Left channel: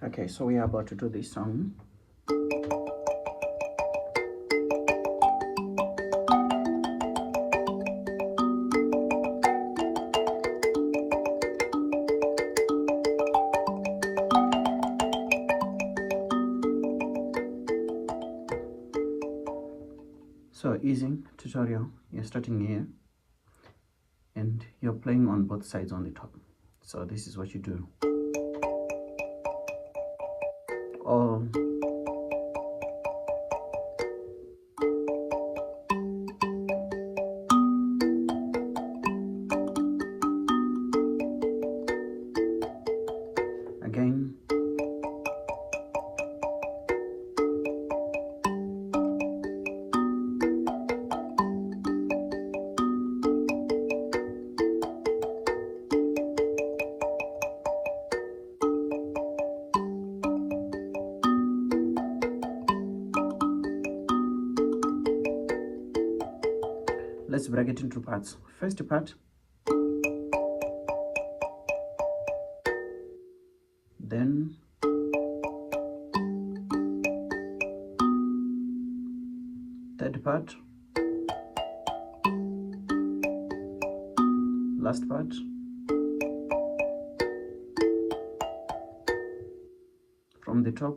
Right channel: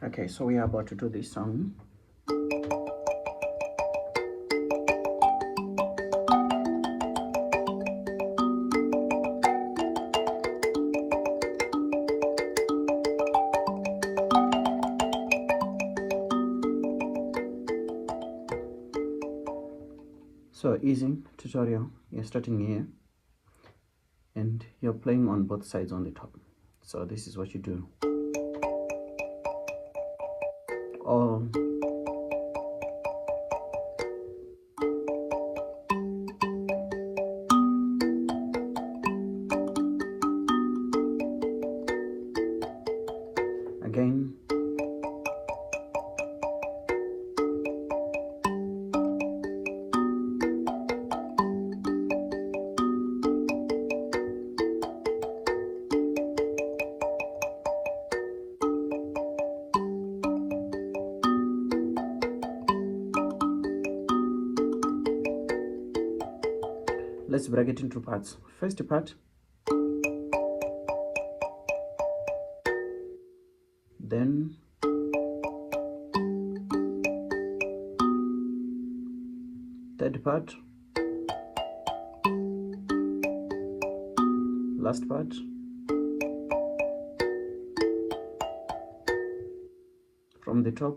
Okay, so we are about to do this song. So easy tutorial. You're starting here and you're playing on both sides on the top. So this is what you do. Or again, let's break it into parts. First part, then third part, last part, from the top,